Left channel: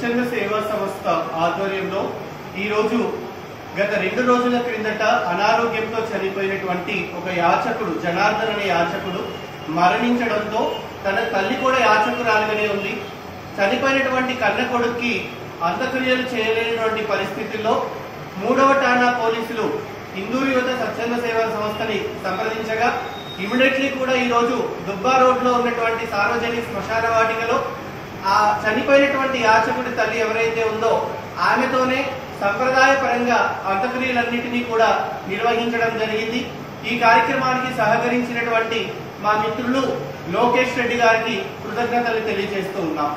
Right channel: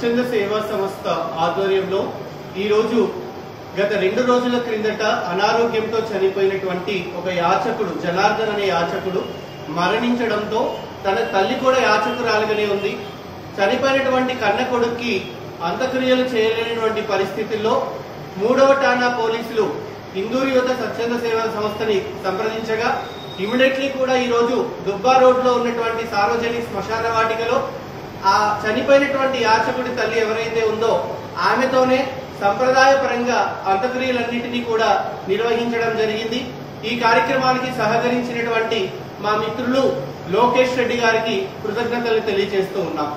స్వచ్ఛంద సేవా సంస్థ ఆధ్వర్యంలో ఈ రోజు గత 2 రోజుల క్రిందట అనారోగ్యంతో చనిపోయినటువంటి ఒక యాచకుడు జనార్దన్ అనే యాచకుడు మరణించడంతో తన తల్లి కూడా యాచకురాలుగానే ఉంది. చనిపోయినటువంటి కన్న కొడుక్కి అంత్యక్రియలు చేయలేనటువంటి పరిస్థితుల్లో 3వ ఠాణా పోలీసులు హిందూ యువత స్వచ్ఛంద సేవా సంస్థని సంప్రదించగా ఇమిడియట్లీ కూడా ఈ రోజు దుబ్బా రోడ్ లో ఉన్నటువంటి సార్వజనిక శ్మశాన వాటికలో ఆ చనిపోయినటువంటి యాచకుడి తల్లి ఎవరైతే ఉందో ఆమెతోనే సంప్రదాయ పరంగా అంత్యక్రియలన్నింటినీ కూడా నిర్వహించడం జరిగింది. ఈ కార్యక్రమానికి సహకరించినటువంటి మా మిత్రులు లోకేష్ రెడ్డి గారికి కృతజ్ఞతలు తెలియజేస్తూ ఉన్నాం.